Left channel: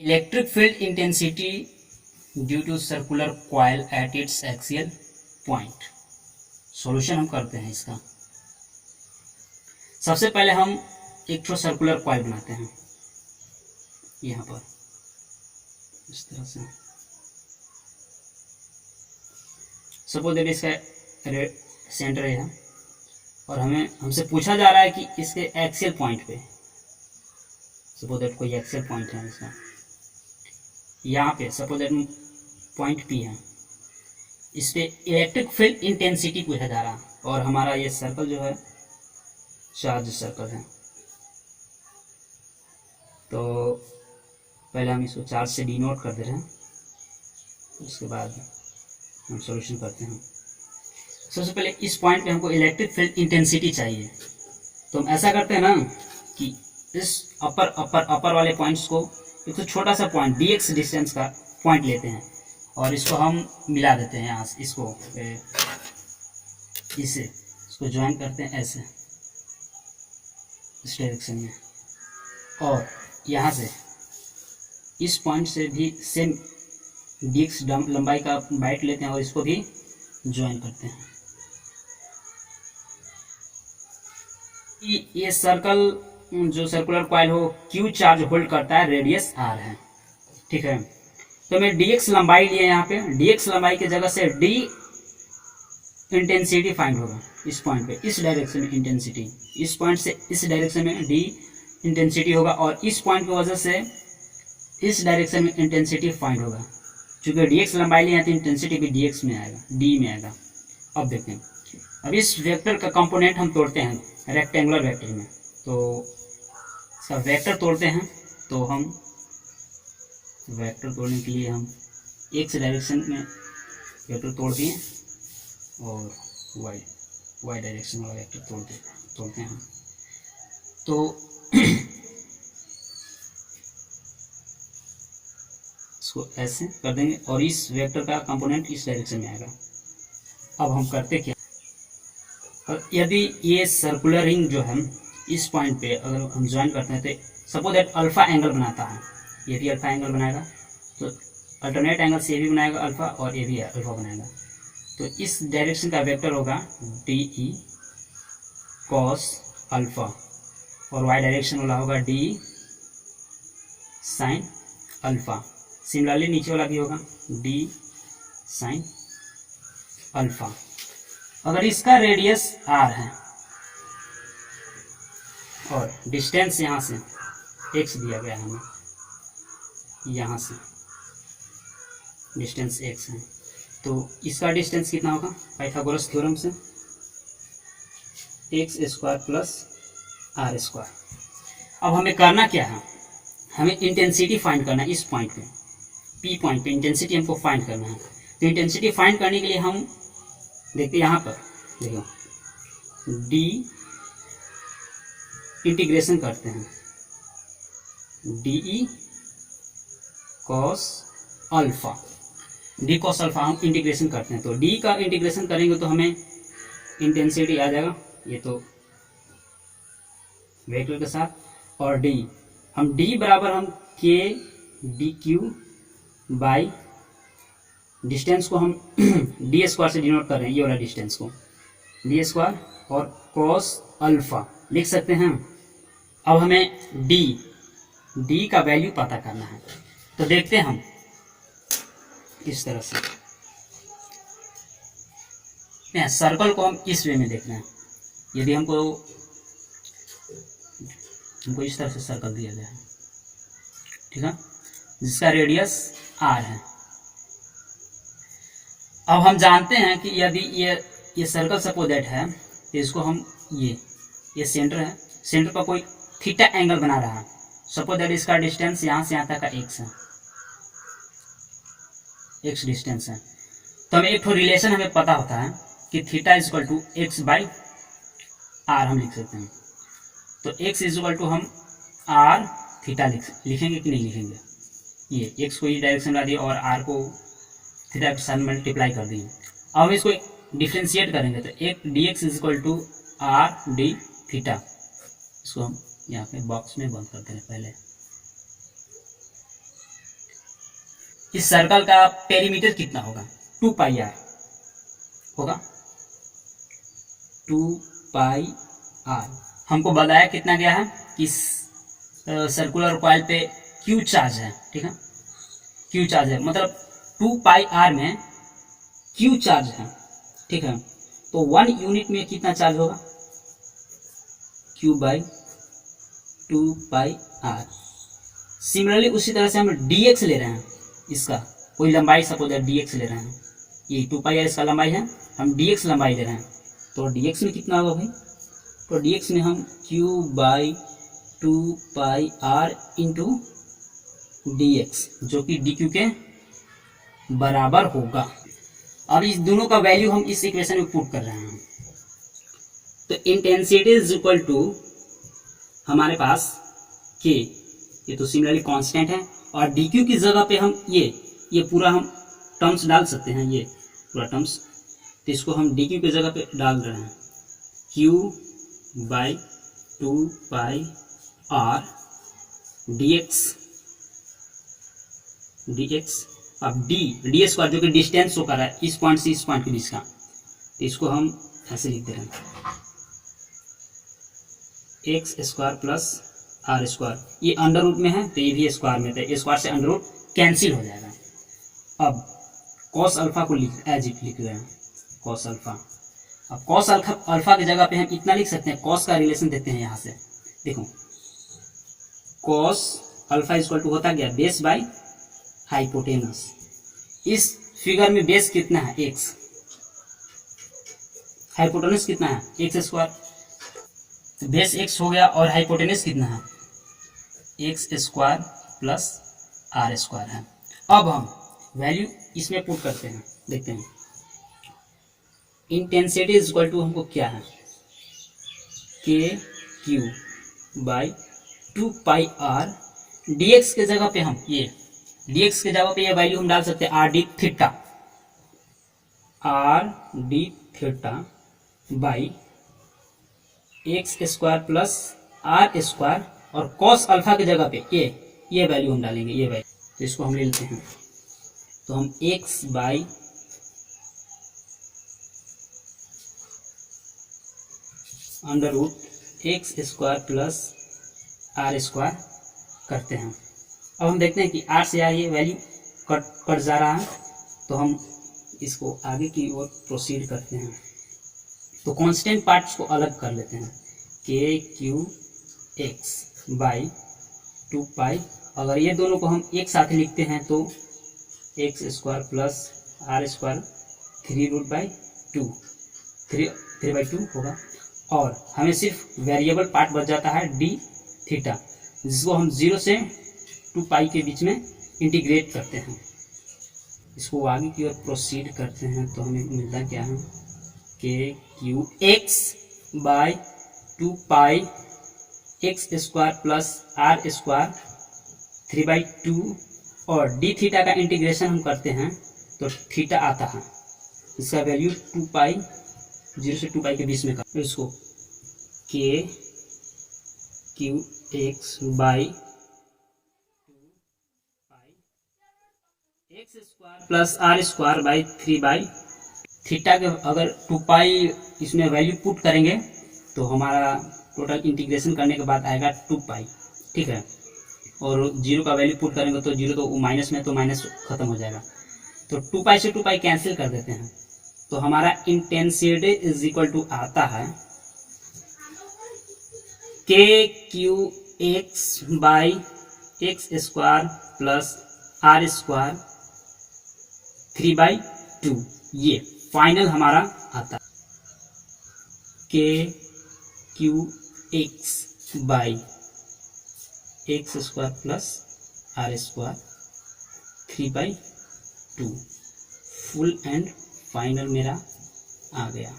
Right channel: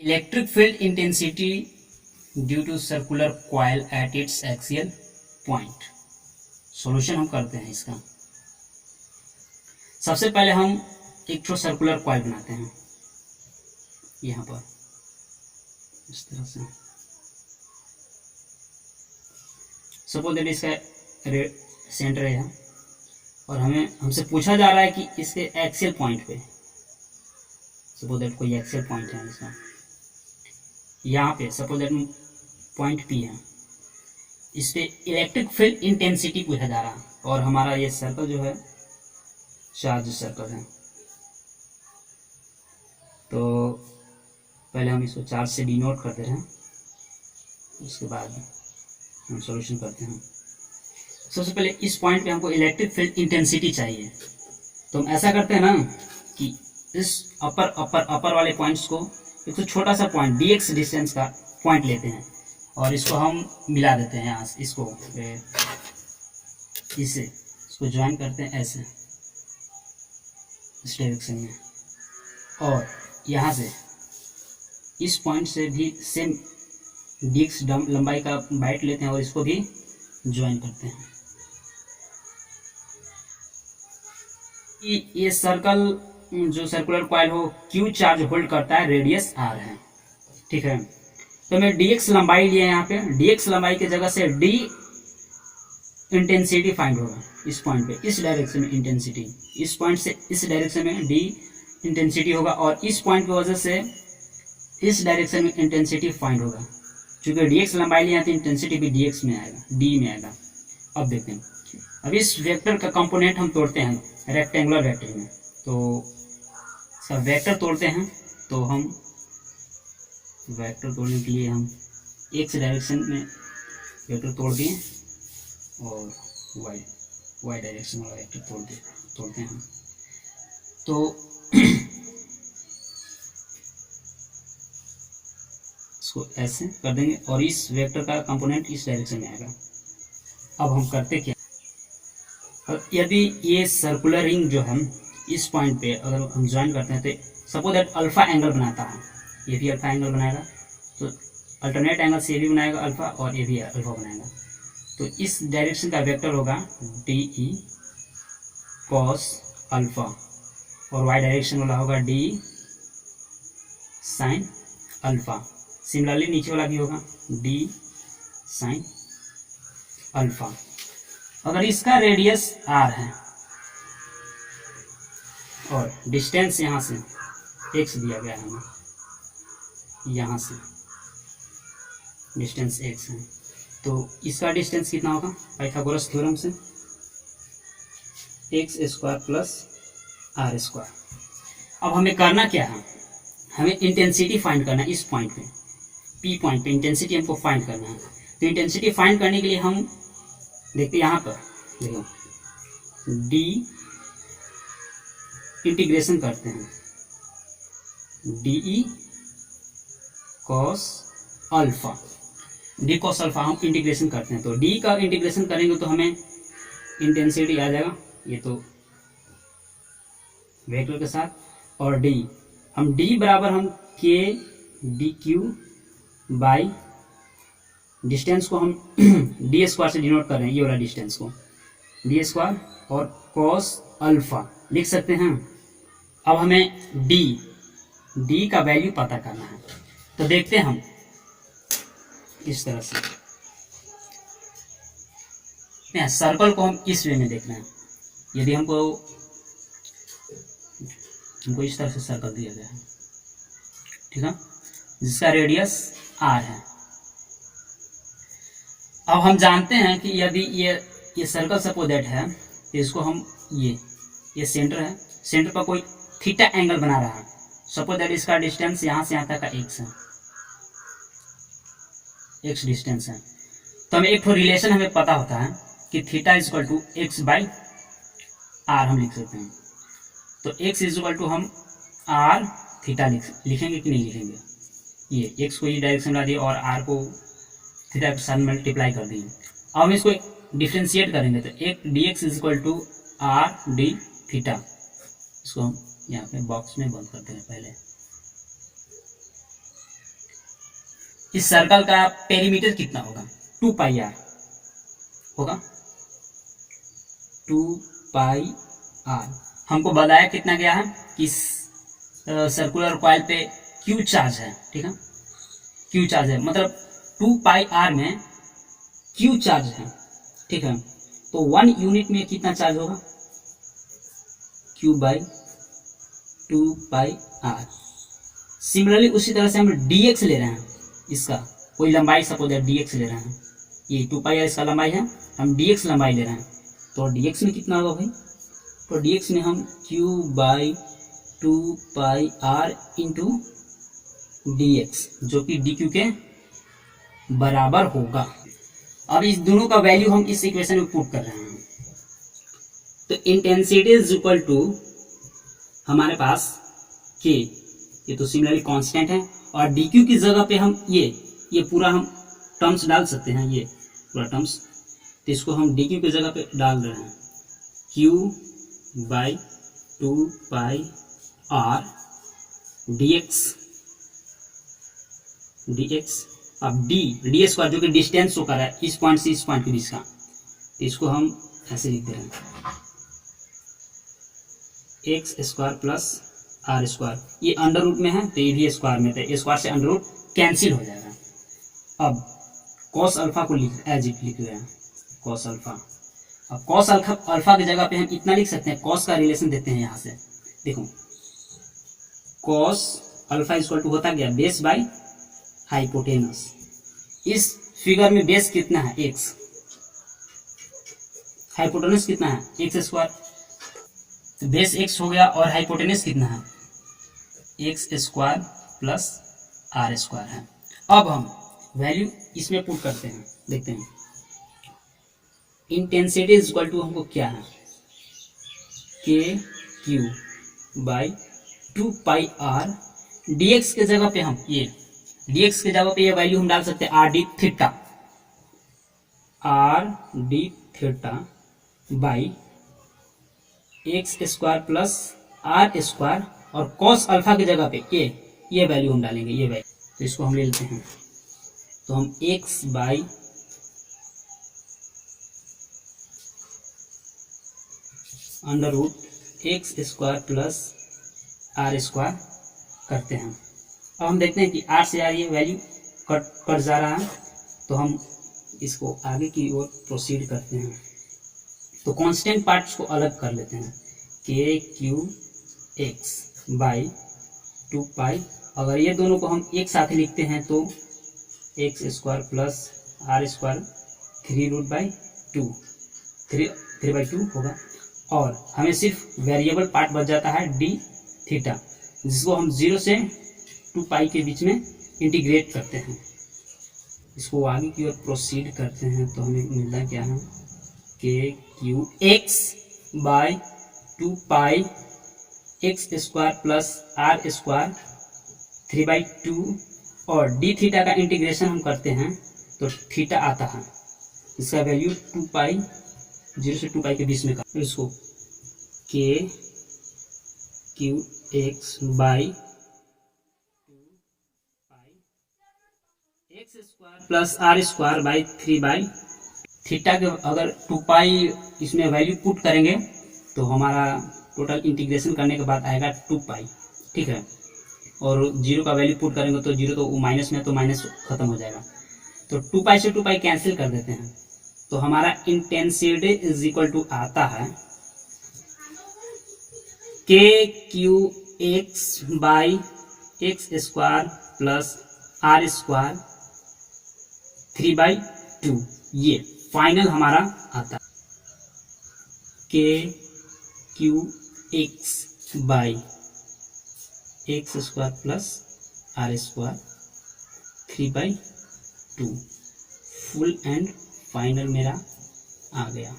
Electric field intensity due to circular coil at its axial point. Solution हम करते हैं इसका। सबसे पहले हम एक ठो सर्कुलर कॉइल बनाते हैं यहाँ पर इस तरह से। सपोज दैट इसका सेंटर है और हमसे पूछा जा रहा है कि इसके एक्सियल पॉइंट पे, सपोज दैट कोई एक्सियल पॉइंट है इसका यहाँ पे, सपोज दैट पॉइंट पी है, इस पे इलेक्ट्रिक फील्ड इंटेंसिटी पूछा जा रहा है और हमारा ये सर्कल जो है चार्ज सर्कल है। तो पहले हम इसको चार्ज से डिनोट कर दे रहे हैं, उसके बाद हम सॉल्यूशन करते हैं। सबसे पहले इस पॉइंट पे हमको इलेक्ट्रिक फील्ड इंटेंसिटी चाहिए, तो हम ऐसा करते हैं ना कि इस अपर वाले पॉइंट्स को एक तो छोटा सा पॉइंट dx डिस्टेंस का पॉइंट लेते हैं और इसको हम मिला देते हैं यहाँ से, इसको ज्वाइन करते हैं ऐसे इस डायरेक्शन में, और यहाँ से इस पॉइंट से भी सेम dx लंबाई का बाइट लेते हैं और इसको भी ज्वाइन करते हैं। ये सर्कल जो सर्कुलर कॉइल हो Q चार्ज होल्ड करता है, रेडियस R है, ठीक है। तो मैं dx लंबाई लिए यहाँ पे, dx लंबाई की जगह से d इंटेंसिटी फाइंड होगा इस पॉइंट पे, इस डायरेक्शन में इंटेंसिटी, इस पॉइंट से इस डायरेक्शन में d इंटेंसिटी होगा और इस पॉइंट की वजह से इस डायरेक्शन में इंटेंसिटी फाइंड होगा। चूंकि dx लंबाई लिए तो इंटेंसिटी भी dx में आएगा, d में आएगा। अब देखते हैं, अब इस वेक्टर का कंपोनेंट हम तोड़ते हैं रेक्टेंगुलर वेक्टर में, तो इसका वेक्टर तोड़ते हैं। तो हम वेक्टर तोड़ने के लिए हम x डायरेक्शन में वेक्टर तोड़ दिए और y डायरेक्शन वाला वेक्टर तोड़ते हैं। तो इसको ऐसे कर देंगे और इस वेक्टर का कंपोनेंट इस डायरेक्शन में आएगा। अब हम करते क्या, और यदि ये सर्कुलर रिंग जो है इस पॉइंट पे अगर हम ज्वाइन करते हैं तो सपोज दैट अल्फा एंगल बनाता है, ये भी अल्फा एंगल बनाएगा, तो अल्टरनेट एंगल से ये भी बनाएगा अल्फा और ये भी अल्फा बनाएगा। तो इस डायरेक्शन का वेक्टर होगा DE cos अल्फा और y डायरेक्शन वाला होगा DE sin अल्फा। सिमिलरली नीचे वाला भी होगा D sin अल्फा। अगर इसका रेडियस R है और डिस्टेंस यहाँ से x दिया गया है हमें, यहाँ से डिस्टेंस x है, तो इसका डिस्टेंस कितना होगा पाइथागोरस थ्योरम से, x² प्लस r²। अब हमें करना क्या है, हमें इंटेंसिटी फाइंड करना है इस पॉइंट पे, P पॉइंट पे इंटेंसिटी हमको फाइंड करना है। तो इंटेंसिटी फाइंड करने के लिए हम देखते हैं यहाँ पर, देखो d इंटीग्रेशन करते हैं DE cos alpha, D cos alpha हम इंटीग्रेशन करते हैं। तो D का इंटीग्रेशन करेंगे तो हमें इंटेंसिटी आ जाएगा, ये तो वेक्टर के साथ, और D हम D बराबर हम K dq बाई डिस्टेंस को हम d² से डिनोट कर रहे हैं, ये वाला डिस्टेंस को d² और cos अल्फा लिख सकते हैं। अब हमें D का वैल्यू पता करना है, तो देखते हैं हम इस तरह से सर्कल को हम इस वे में देख रहे हैं। यदि हमको इस तरह से सर्कल दिया गया है, ठीक है, जिसका रेडियस R है। अब हम जानते हैं कि यदि ये सर्कल सपोज दैट है, तो इसको हम ये सेंटर है, सेंटर पर कोई थीटा एंगल बना रहा है, सपोज दैट इसका डिस्टेंस यहाँ से यहाँ तक का x है, x डिस्टेंस है। तो हमें एक तो रिलेशन हमें पता होता है कि theta is equal to x by r हम लिख सकते हैं। तो x इज इक्वल टू हम r थीटा लिखेंगे कि नहीं लिखेंगे, ये x को इस डायरेक्शन में ला दिए और r को थीटा के साथ मल्टीप्लाई कर दिए। अब हम इसको डिफ्रेंशिएट करेंगे तो एक dx is equal to r d theta, इसको हम यहाँ पे बॉक्स में बंद करते हैं पहले। इस सर्कल का पेरीमीटर कितना होगा, 2 पाई आर होगा, 2 पाई आर। हमको बताया कितना गया है कि सर्कुलर कॉइल पे क्यू चार्ज है, ठीक है, क्यू चार्ज है, मतलब 2 पाई आर में क्यू चार्ज है, ठीक है। तो 1 यूनिट में कितना चार्ज होगा, Q by 2 pi R. Similarly उसी तरह से हम dx ले रहे हैं, इसका कोई लंबाई सपोज dx ले रहे हैं, ये 2 पाई आर इसका लंबाई है, हम dx लंबाई ले रहे हैं, तो dx में कितना होगा भाई, तो dx में हम q by 2 pi R into dx, जो कि dq के बराबर होगा। अब इस दोनों का वैल्यू हम इस इक्वेशन में पुट कर रहे हैं, तो इंटेंसिटी इज इक्वल टू हमारे पास k, ये तो सिमिलरली कांस्टेंट है, और dq की जगह पे हम ये पूरा हम टर्म्स डाल सकते हैं, ये पूरा टर्म्स, तो इसको हम dq की जगह पे डाल रहे हैं, q by 2 pi R dx। अब डी स्क्वायर जो कि डिस्टेंस शो कर रहा है इस पॉइंट से इस पॉइंट के बीच का, तो इसको हम ऐसे लिख दे रहे हैं, X square plus R square, ये अंडर रूट में है तो ये भी स्क्वायर में, तो स्क्वायर से अंडर रूट कैंसिल हो जाएगा। अब कॉस अल्फा को एज इट लिख रहे हैं, कॉस अल्फा। अब कॉस अल्फा की जगह पे हम इतना लिख सकते हैं, कॉस का रिलेशन देते हैं यहाँ से, देखो कॉस अल्फा इक्वल टू होता गया बेस बाई हाइपोटेनस। इस फिगर में बेस कितना है, एक्स, हाइपोटेनस कितना है, एक्स स्क्वायर, तो बेस एक्स हो गया, और हाइपोटेनस कितना है, X square plus R square है। अब हम वैल्यू इसमें पुट करते हैं, देखते हैं इंटेंसिटी इज इक्वल टू हमको क्या है, K Q by 2 pi R, dx के जगह पे हम dx के जगह पे ये वैल्यू हम डाल सकते हैं R D theta by X square plus R square, और कॉस अल्फा की जगह पे ये वैल्यू हम डालेंगे, ये वैल्यू, तो इसको हम ले लेते हैं, तो हम X by under root X square plus R square करते हैं। अब हम देखते हैं कि आर से आर ये वैल्यू कट जा रहा है, तो हम इसको आगे की ओर प्रोसीड करते हैं, तो कांस्टेंट पार्ट्स को अलग कर लेते हैं, के क्यू एक्स बाई 2 पाई, अगर ये दोनों को हम एक साथ लिखते हैं तो X square plus R square 3√2 होगा, और हमें सिर्फ वेरिएबल पार्ट बच जाता है डी थीटा, जिसको हम 0 से 2 पाई के बीच में इंटीग्रेट करते हैं। इसको आगे की ओर प्रोसीड करते हैं, तो हमें मिलता क्या है, K Q X by 2 pi X square plus R square 3/2, और डी थीटा का इंटीग्रेशन हम करते हैं तो थीटा आता है, इसका वैल्यू 2 पाई 0 से 2 पाई के बीच में कर, इसको K Q X by 2 pi X square plus R square by 3/, theta के अगर 2 पाई इसमें वैल्यू पुट करेंगे तो हमारा टोटल इंटीग्रेशन करने के बाद आएगा 2 पाई, ठीक है, और 0 का वैल्यू पुट करेंगे तो 0 तो माइनस में, तो माइनस खत्म हो जाएगा, तो 2 पाई से 2 पाई कैंसिल कर देते हैं, तो हमारा इंटेंसिटी इज इक्वल टू आता है K Q X by X square plus R square 3/2, ये फाइनल हमारा आता है K Q X by X square plus R square 3/2, full and final मेरा आ गया।